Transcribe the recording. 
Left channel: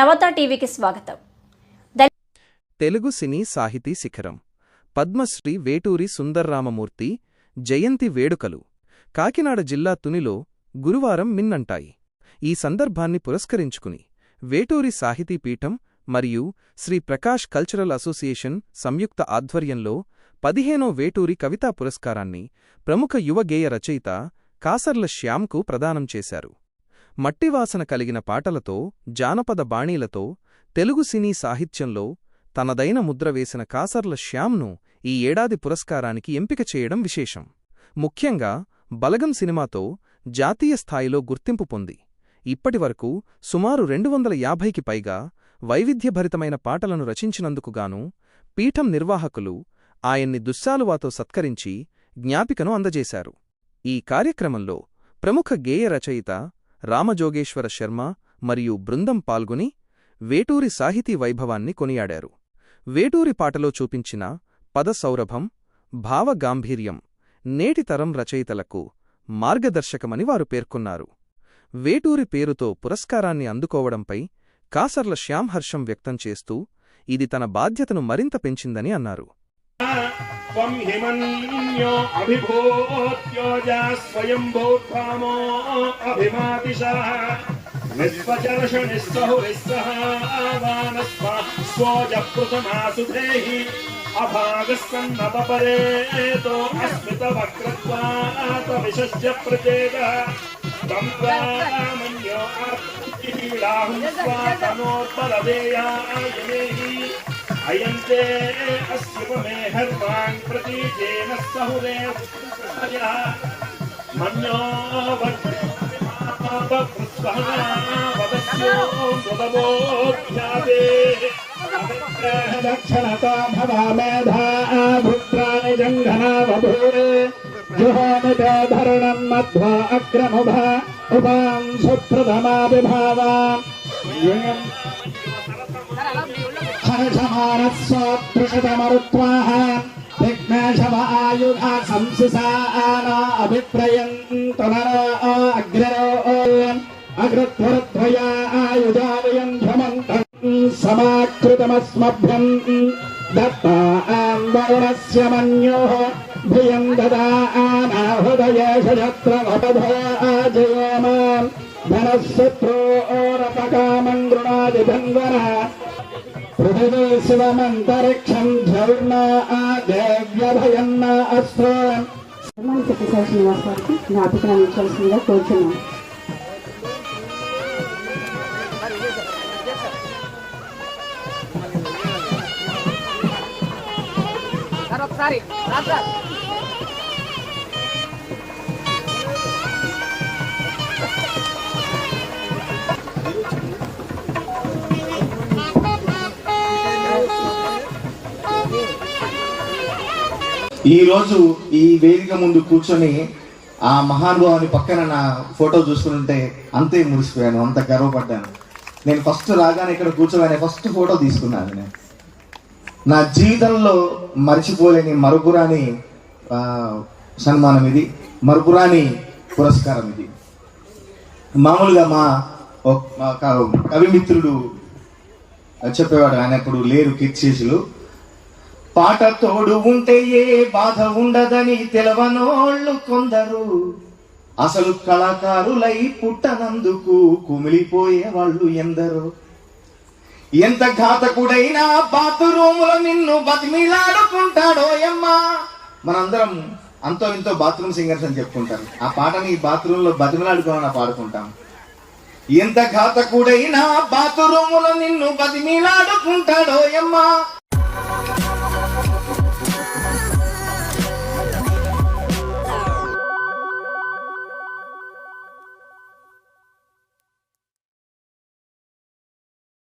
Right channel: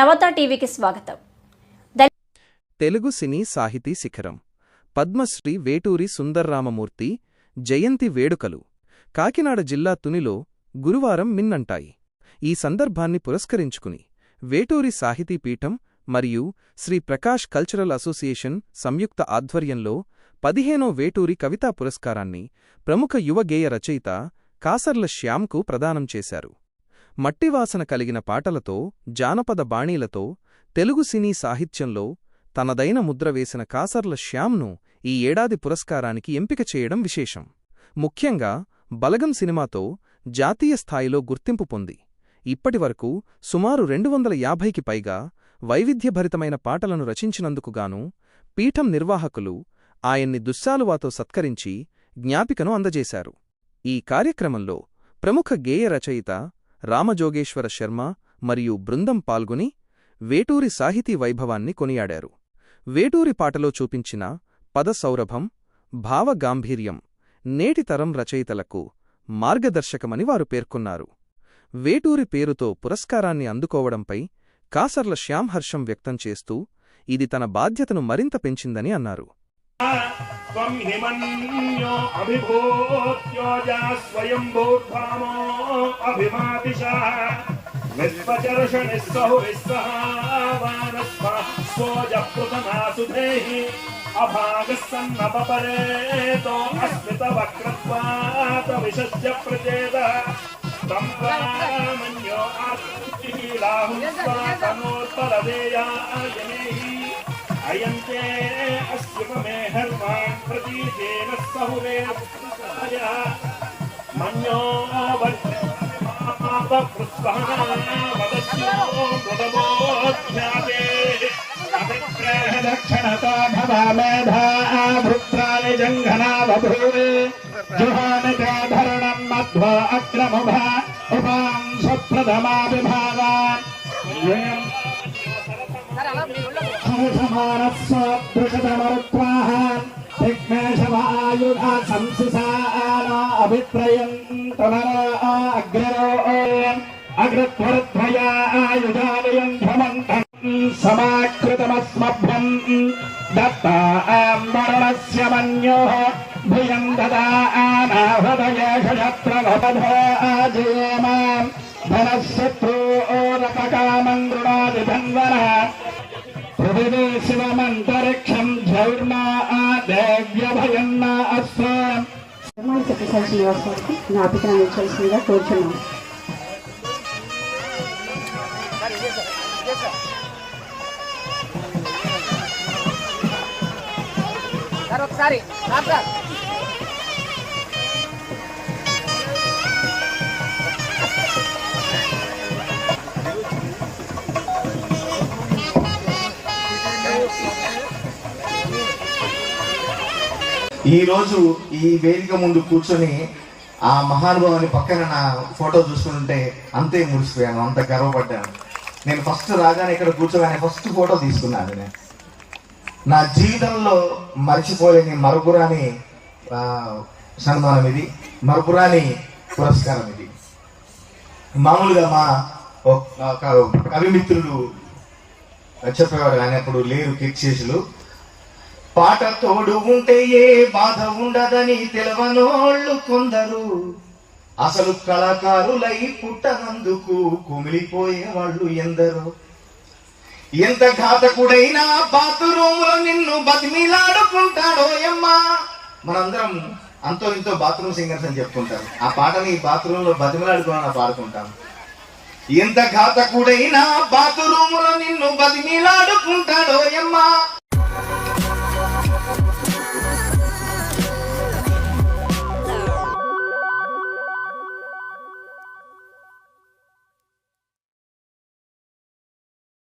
నవత టీవీకి స్వాగతం. తెలుగు సినీ సాహితీ శిఖరం పద్మశ్రీ వేటూరి సుందర్రామమూర్తి జయంతి వేడుకలు కాకినాడ జిల్లా తునిలో గురువారం మిన్నంటాయి. ఈ సందర్భాన్ని పురస్కరించుకుని వేటూరి సాహితీ పీఠం మరియు శ్రీ ప్రకాష్ కల్చరల్ అసోసియేషన్ సంయుక్త ఆధ్వర్యంలో 15వ వేటూరి కవితా పురస్కారాన్ని ప్రముఖ యువ గేయ రచయిత కాసర్ల శ్యాంకు ప్రదానం చేశారు. మట్టివాసన కలిగిన పాటలతో, జానపద బాణీలతో తెలుగు సినీ సాహిత్యంలో తనదైన ముద్ర వేసిన కాసర్ల శ్యాంను ఈ ఏడాది పురస్కారానికి ఎంపిక చేయడం విశేషం. ముఖ్యంగా బలగం సినిమాతో జాతీయ స్థాయిలో గుర్తింపు పొంది ఇప్పటివరకు సుమారు 250కి పైగా వైవిధ్యభరితమైన పాటలను రచించినందుకుగాను పీఠం నిర్వాహకులు ఆయన్ని దుశ్శాలువాతో సత్కరించి జ్ఞాపికను అందజేశారు. ఈ కార్యక్రమంలో ప్రముఖ గేయ రచయిత రామజోగేశ్వర శర్మ మరియు బృందం పాల్గొని వేటూరి సాహితీ వైభవాన్ని కొనియాడారు. వేటూరి పాటలో చూపించిన పదసౌరభం, భావగాంభీర్యం నేటి తరం రచయితలకు మార్గదర్శకమని వారు పేర్కొన్నారు. వేటూరి పేరుతో పురస్కారాన్ని అందుకోవడంపై కాసర్ల శ్యాం హర్షం వ్యక్తం చేస్తూ ఇది తన బాధ్యతను మరింత పెంచిందని అన్నారు. त्वं हिमन्यो अभिभूत्योजा स्वयंभूत्वामो अभिमातिशः विश्वचर्षणिस्सहुरिस्सहावानस्व स्वोजपुतनासुधेहि अभागस्सन्नपरेतो अस्मितवक्रत्वात् विशस्य प्रचेदः तं त्वामन्यो आत्मकीराहुं स्वातनोत्परदेयायमेहि अयन्ते अस्युपमे हर्वान् प्रतीकेन सहुने उत्पत्तयः मन्यो वद्मापकृत्वहना वदस्यो मुदवोऽध्यापे अभिप्रेहदक्षणता भवामेधा भृत्राणि जङ्घना बभूरे जुहानि ते धरणन् मध्वा अग्रमुभा उपां सुप्रथमा विभावान् हर्षमाणस्वदृशतमरुत्वाः विघ्नेशमायुधा संसिसाना अभिप्रयन्तनरा अग्ररोऽयन् अग्रध्वरध्वया आयुधावयन् ध्वमन्तम् समाकृतमस्मभ्यम् दत्तां वरुणस्य मन्योः भियं ददानाहृदयेषु शत्रमपधोऽजेमां धनशत्रोरपकामं गृणादिधन्वना पृथिवी शिवमन्तरिक्षं झौर्णा देव्यभयन्ना अस्मान् శ్రీనివాసరావుకి జ్ఞాపికను అందించాల్సిందిగా కోరుచున్నాను. ఈ రోజు ఈ వేదిక ముందు కూర్చొని ఆ మహానుభావుని పక్కన నా ఫోటో చూస్తుంటే అంతే మురిసిపోయాను, అంత గర్వపడ్డాను. నేను ఫస్ట్ రాగానే ఇక్కడ కూర్చోగానే ఫస్ట్ ఫోటో తీసుకున్నాను. నేను నా జీవితంలో మర్చిపోలేని మరుపురాని సన్మానం ఇది, మరుపురాని పురస్కారం ఇది. మామూలుగా మా కవిమిత్రుడు చెప్పేవాడు, ఆయన ఇప్పుడు లేరు, కీర్తిశేషులు. పాట తోడు ఉంటే ఏ బాధ ఉండదని తెలవనోళ్ళు కొందరు, అసలు కళాకారులై పుట్టనందుకు కుమిలిపోయే వాళ్ళు ఎందరో. ఎంత ఘాతకుడైనా బాత్రూములో నిన్ను బతిమిలాడుకుంటాడోయమ్మా. మనందరం అంతో ఇంతో బాత్రూమ్ సింగర్స్ అని చెప్పుకుంటాం. ఆ పాటని బాత్రూమ్ లో బతిమిలాడుకోవాలని పాడుకుంటాం. ఎంత ఘాతకుడైనా బాత్రూములో నిన్ను బతిమిలాడుకుంటాడోయమ్మా.